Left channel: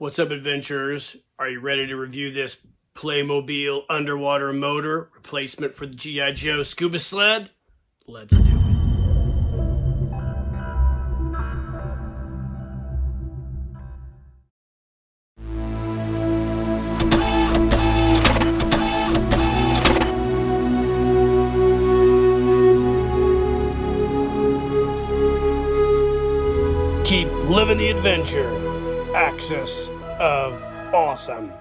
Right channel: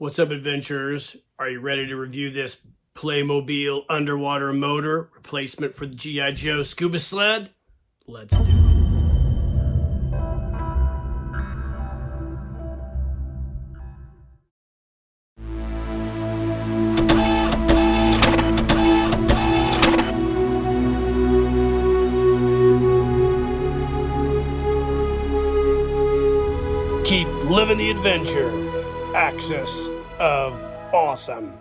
What's up, adventurers? Are you ready to review this Playmobil underwater motor replacement for the G.I. Joe Scuba Sled? Let's do it. Keep living the adventure. Axis of awesome.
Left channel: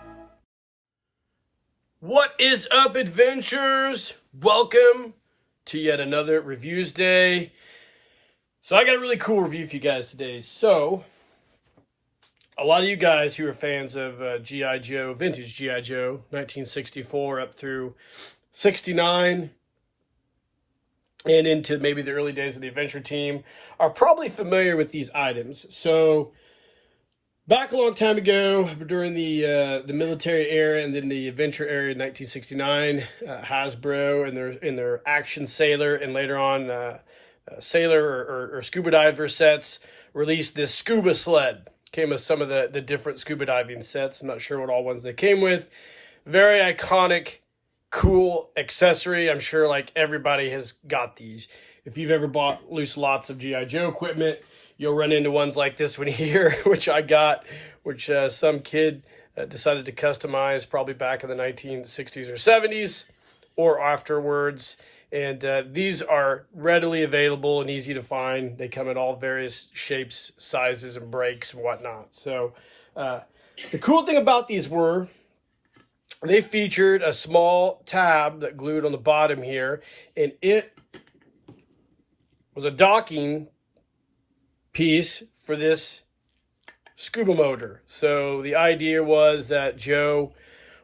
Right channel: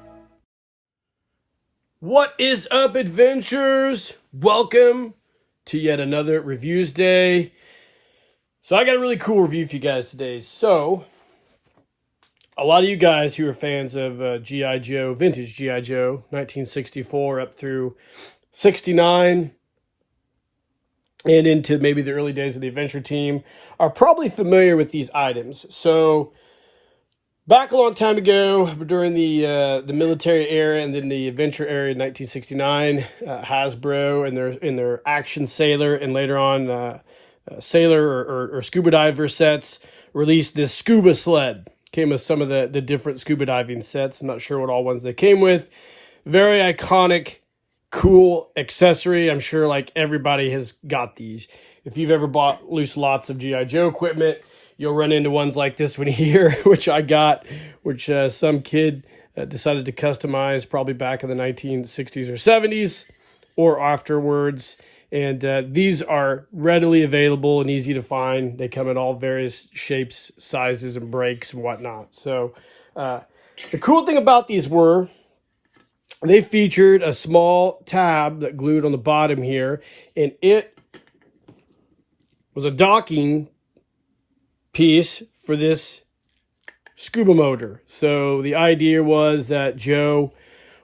What is up, adventurers? Welcome to yet another Reviews Day. So I got a really cool review for you guys today. So a lot of you guys who are fans of G.I. Joe, vintage G.I. Joe, 1964 up through 69, and into maybe the early days of the adventure team, are probably familiar with these items. So back a long time ago, during the military era and then the adventure era in 1969, Hasbro and their Action Sailor and later on Sailor or scuba diver sets released this Scuba Sled. Came with some of the different scuba diving sets. I'm not sure what all ones they came with. Very iconic, cool accessory. I'm sure like everybody has got these. If you've ever bought lots of G.I. Joe equipment, you'll run into ones like this one here, which I got, which some kid decided to customize probably back in the 1960s or 70s or afterwards. And these are readily available and easy to find. They come in all various shapes, sizes, and breaks and whatnot. So the cool thing about these were they featured a small tab that glued on the bottom here, and it was a docking piece for this scuba motor. So the idea was that Joe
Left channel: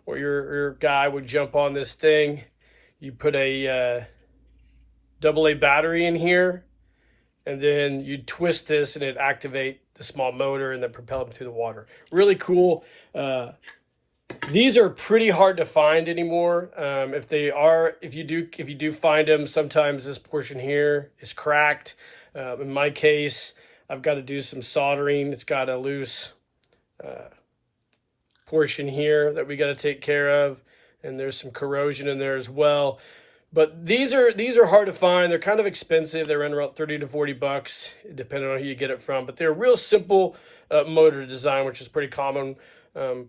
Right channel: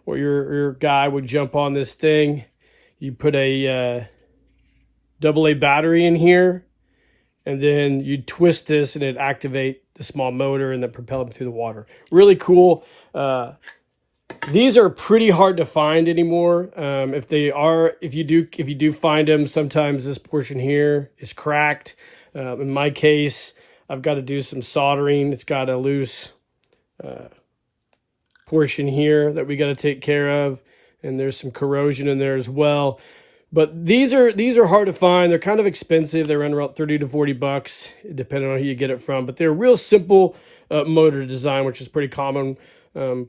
or your guy would jump on this thing. You put a AA battery in here, and then you'd twist this and it'd activate the small motor and then propel them through the water. Really cool. These are pretty hard to find anymore. If you do find them, sometimes this portion here is cracked. In my case, I've got to do some soldering. It's got a loose portion here that we got to take care of, and there's some corrosion in there as well. But these are hard to find. They're kind of expensive. They run around 30 to 40 bucks, depending on who you get it from. But they're real simple motor design, which is pretty common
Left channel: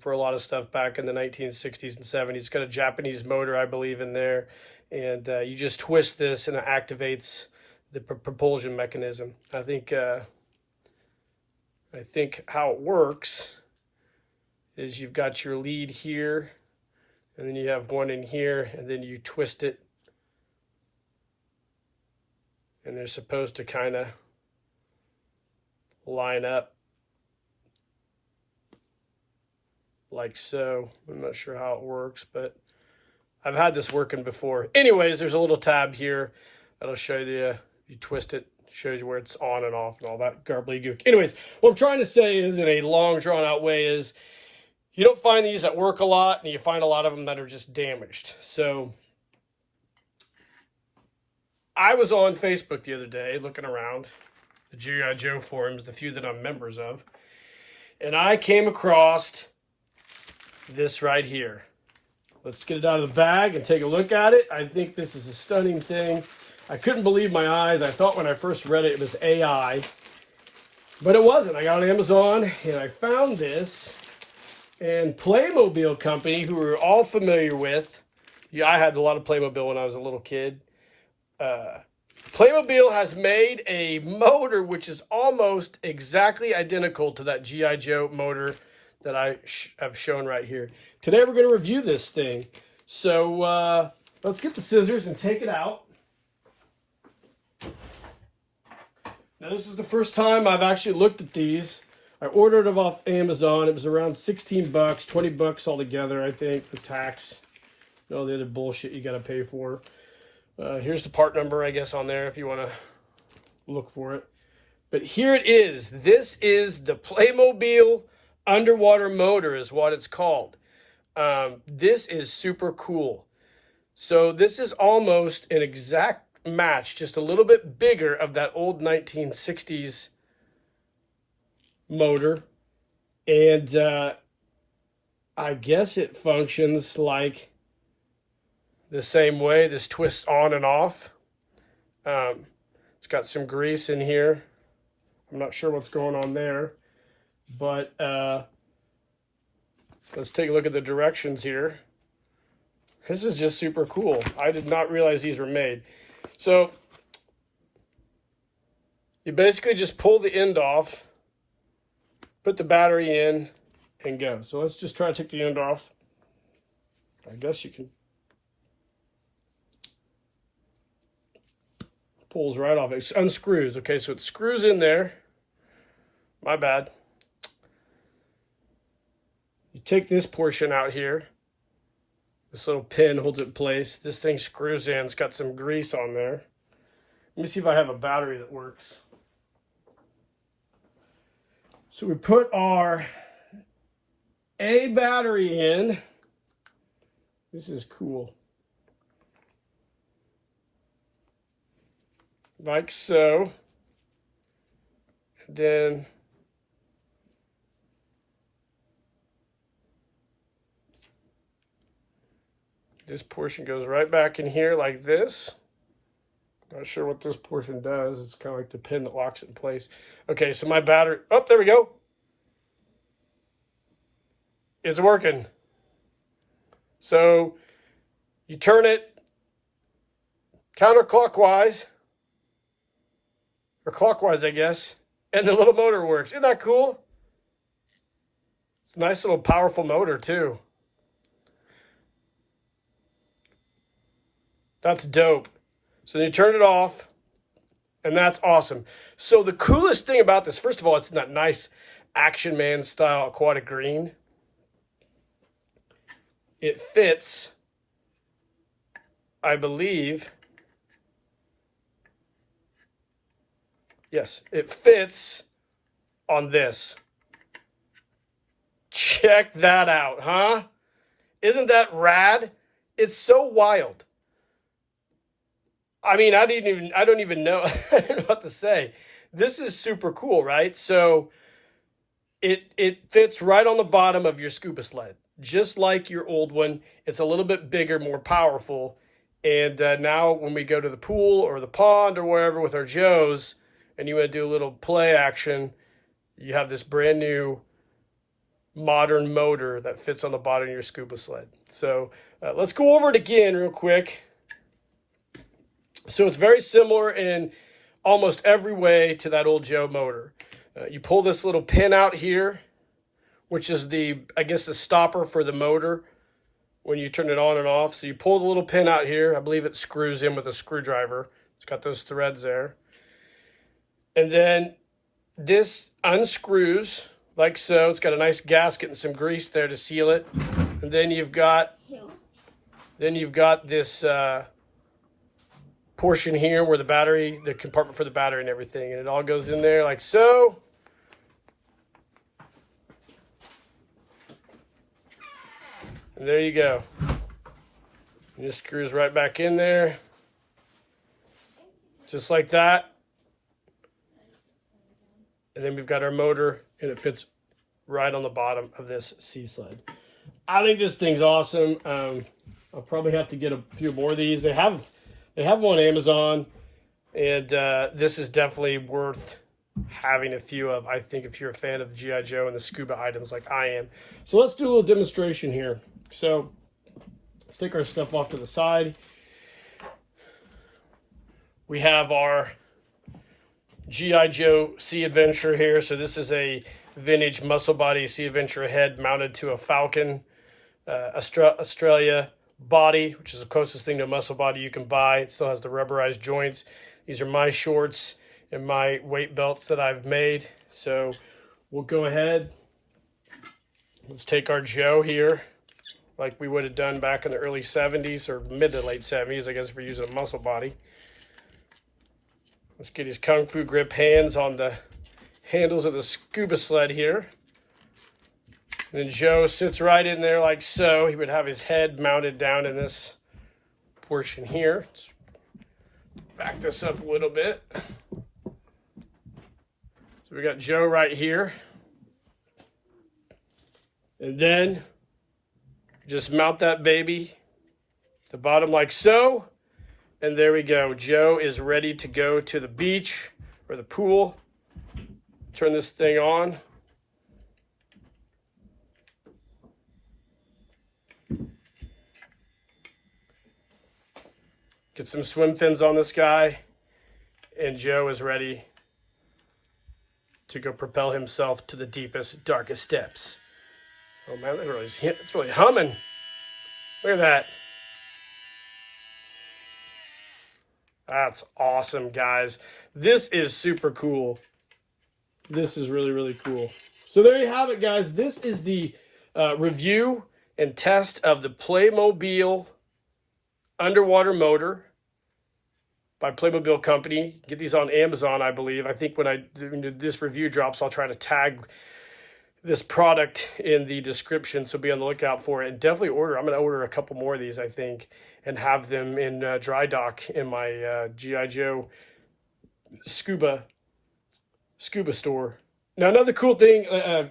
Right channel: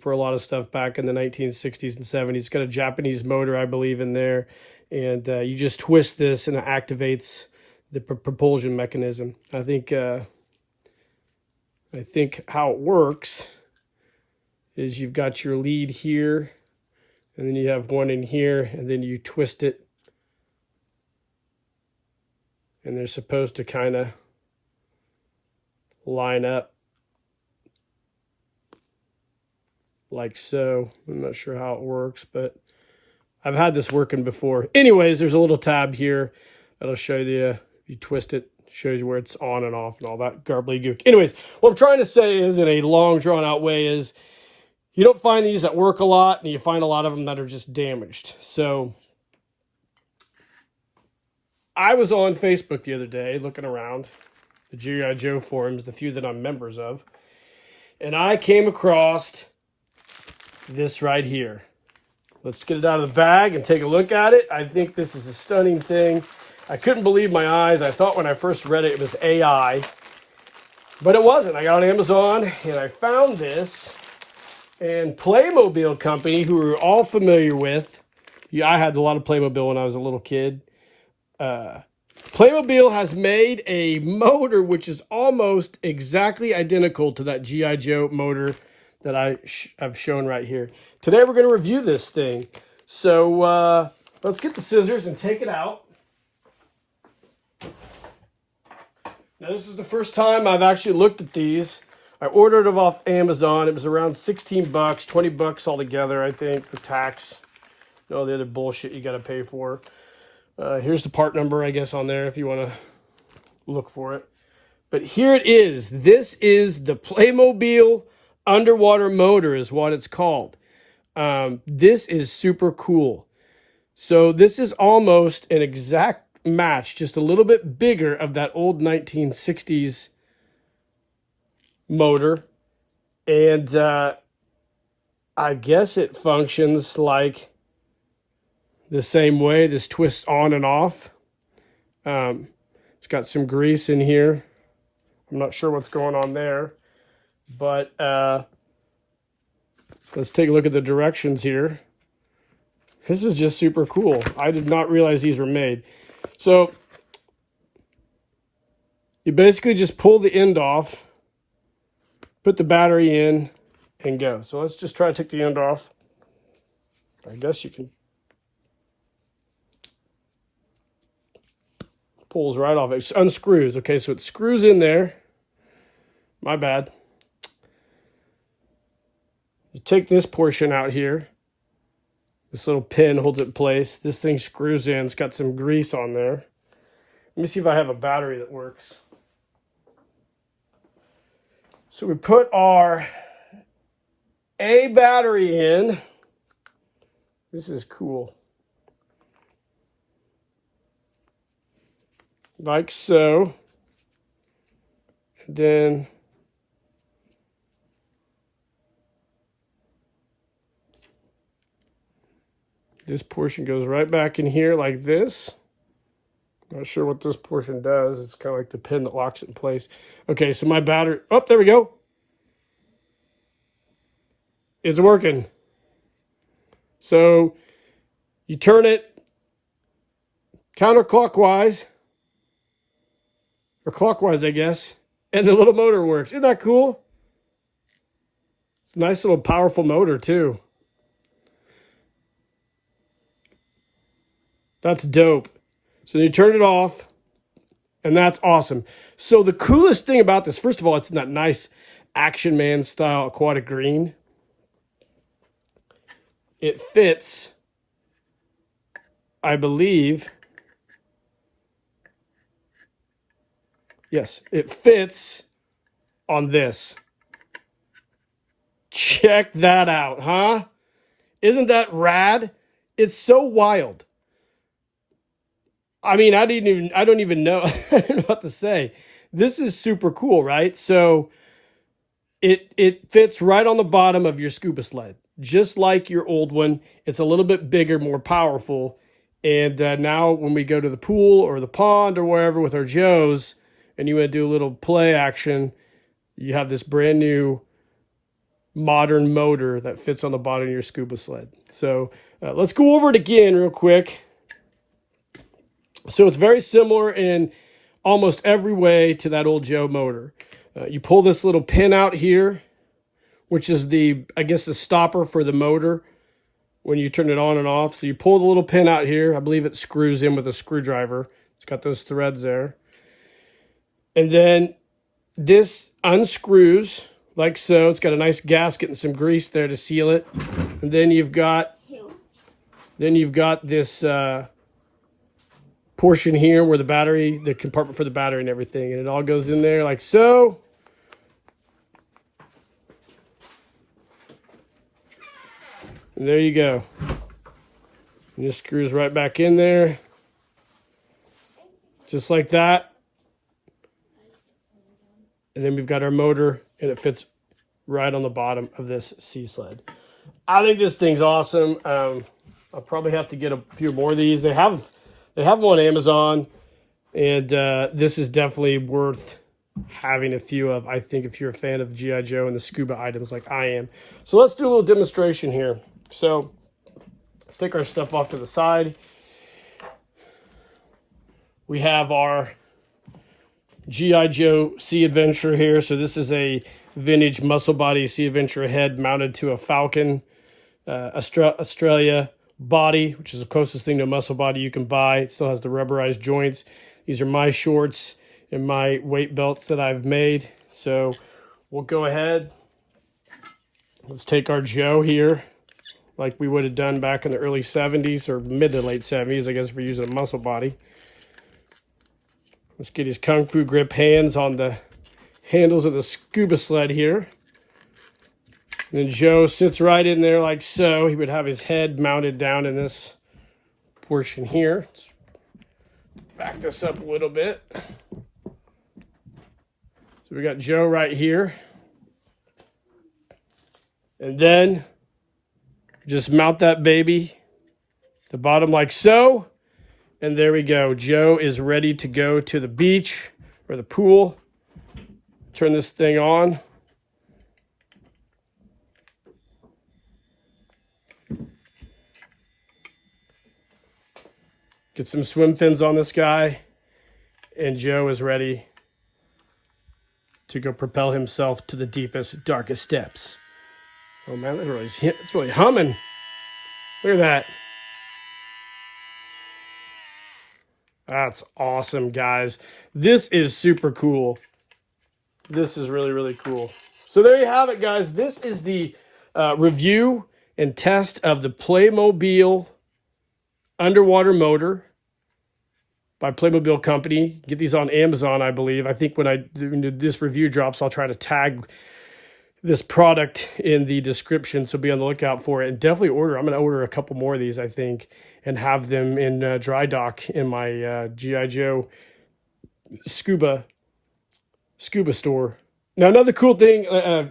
for a lot of stuff back in the 1960s and 70s. It's got a Japanese motor, I believe, in there, and you just twist this and it activates the propulsion mechanism. I think how it works is you've got your lead here, and then you have one in here, and then you twist it, and they're supposed to kind of line up like so. I'm not sure how it works, but I've had this working before. Anyways, there's a little tab here that'll show you. You twist it, shows you where it's on and off and all that gook. Anyways, what I'm trying to say is, in a long, drawn-out way, is you don't find these that work a lot, and you find a lot of them that are just damaged. So I was on Facebook the other day looking around the G.I. Joe forums, the few that I'm members of, and I came across this right here. Let's get it out of the bag and take a look at it. I think this is a stunning thing. I couldn't believe my eyes. I thought when I first read it, it was AI, but it wasn't. I got on Amazon and I found this, and Playmobil company, who we're all familiar with. Yeah, I had a lot of Playmobil when I was a little kid. Playmobil has made a motor which is almost exactly identical to that G.I. Joe motor that I have shown right here. Today we're going to review this thing. So let's get the scissors and take it out. Now this is the first time I've actually looked at these. I ordered them off Amazon. It was around 16 bucks, 20 bucks altogether, I think, for tax. All the other bullshit you got to pay for. Here's the part number, I guess, on there if you want to look for it. But here it is. This is the Playmobil underwater motor is what it's called. This is super cool. So this is almost an exact match, just a little bit bigger, of that old 1960s motor. And I guess it functions like the same way. This twists on and off. It's got some grease in here. I'm not sure what's going on there, but let's take a look at the directions here. This is just super cool. I did not realize these were made. So you basically just pull the end off, put the battery in, and go. So let's just try to take the end off. I guess you can. Pulls right off. It unscrews. Okay, so it screws in there. My bad. You take this portion out here. This little pin holds it in place. This thing screws in. It's got some grease on there. Let me see if I have a battery that works. So we put our A battery in. This is cool. Like so. And then this portion goes right back in here like this. Not sure what this portion does. It's kind of like the pin that locks it in place. Okay, so my battery, oh, there we go. It's working. So you turn it counterclockwise, or clockwise, I guess, and the little motor works. Isn't that cool? It's a nice little powerful motor too. That's dope. So you turn it off, and that's awesome. So the coolest thing about this, first of all, it's in that nice Action Man style aquatic green. It fits, I believe, yes, it fits on this. Check that out, huh? Isn't that rad? It's so wild. I mean, I don't even know, I don't know what to say. This is super cool, right? So it fits right on the bottom of your Scuba Sled, just like your old one. It's a little bit bigger, more powerful. And now when we go to the pool or the pond or wherever with our Joes, and you want to do a little play action, you have this brand new modern motor that fits on the bottom of your Scuba Sled. So let's go over it again real quick. So it's very similar in almost every way to that old Joe motor. You pull this little pin out here, which is I guess the stopper for the motor when you turn it on and off. So you pull the little pin out here. I believe it screws in with a screwdriver. It's got those threads there. And then this unscrews like so. It's got a nice gasket and some grease there to seal it. And then you've got this portion here where the compartment for the battery and everything, and it all goes in there like so. And there you go. And this screws right back in there, just like that. And then we've got our motor, and it fits right on the bottom of this Sea Sled. I think this thing's awesome. I'll probably have to get a few more of these. They have them on Amazon, and this is definitely worth having a few of, I think, if you're a fan of G.I. Joe and the scuba items like I am. So let's do a little demonstration here. So let's take our stuff off to the side. We have our G.I. Joe Sea Adventure here. So this is a vintage muscle body Sea Adventure head mounted to a Falcon Australia body, which is the closest thing to a muscle body you can buy. It still has the rubberized joints. These are my shorts and my weight belts that I've made. So we'll go ahead. Let's take our Joe here, like we would have done back in the early 70s or mid to late 70s, I guess, if we're using a muscle body. Let's get his Kung Fu grip hands on the handles of the Scuba Sled here. And then Joe sits right in there like so. He would have his head mounted down in this portion here. Let's back this up a little bit. So we got Joe right here. And then just mount that baby to the bottom like so. And there we go. Joe is ready to go to the beach or the pool. Turn this thing on. Get some swim fins on this guy. And Joe is ready to go propel himself to the deepest, darkest depths. Oh man, it's really humming. Look at that. That's awesome, guys. This is super cool. This is really, really cool. So there you have it, guys. This is the review and test of the Playmobil underwater motor by Playmobil Company. Get these on Amazon, I believe. I think when this review drops, I'll try to tag this product in the description, so be on the lookout for it. And definitely order. I'm going to order a couple more of these, I think, and have them in dry dock in my G.I. Joe Scuba store. Now, another cool thing,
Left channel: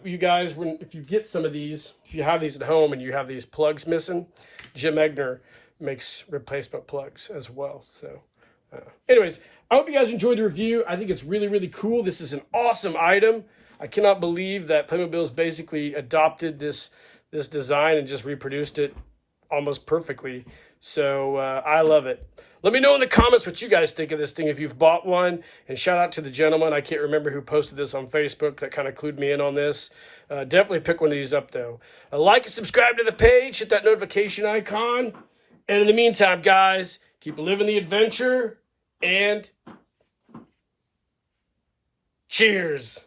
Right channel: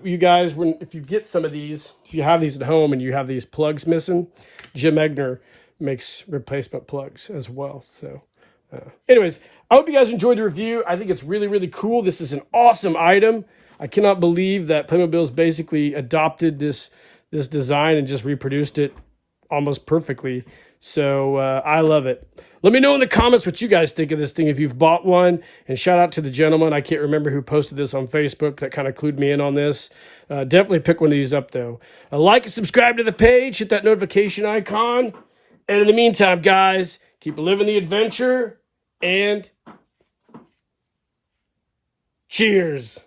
you guys, if you get some of these, if you have these at home and you have these plugs missing, Jim Egner makes replacement plugs as well. So anyways, I hope you guys enjoyed the review. I think it's really, really cool. This is an awesome item. I cannot believe that Playmobil's basically adopted this design and just reproduced it almost perfectly. So I love it. Let me know in the comments what you guys think of this thing if you've bought one. And shout out to the gentleman, I can't remember who posted this on Facebook, that kind of clued me in on this. Definitely pick one of these up, though. Like and subscribe to the page. Hit that notification icon. And in the meantime, guys, keep living the adventure. And cheers.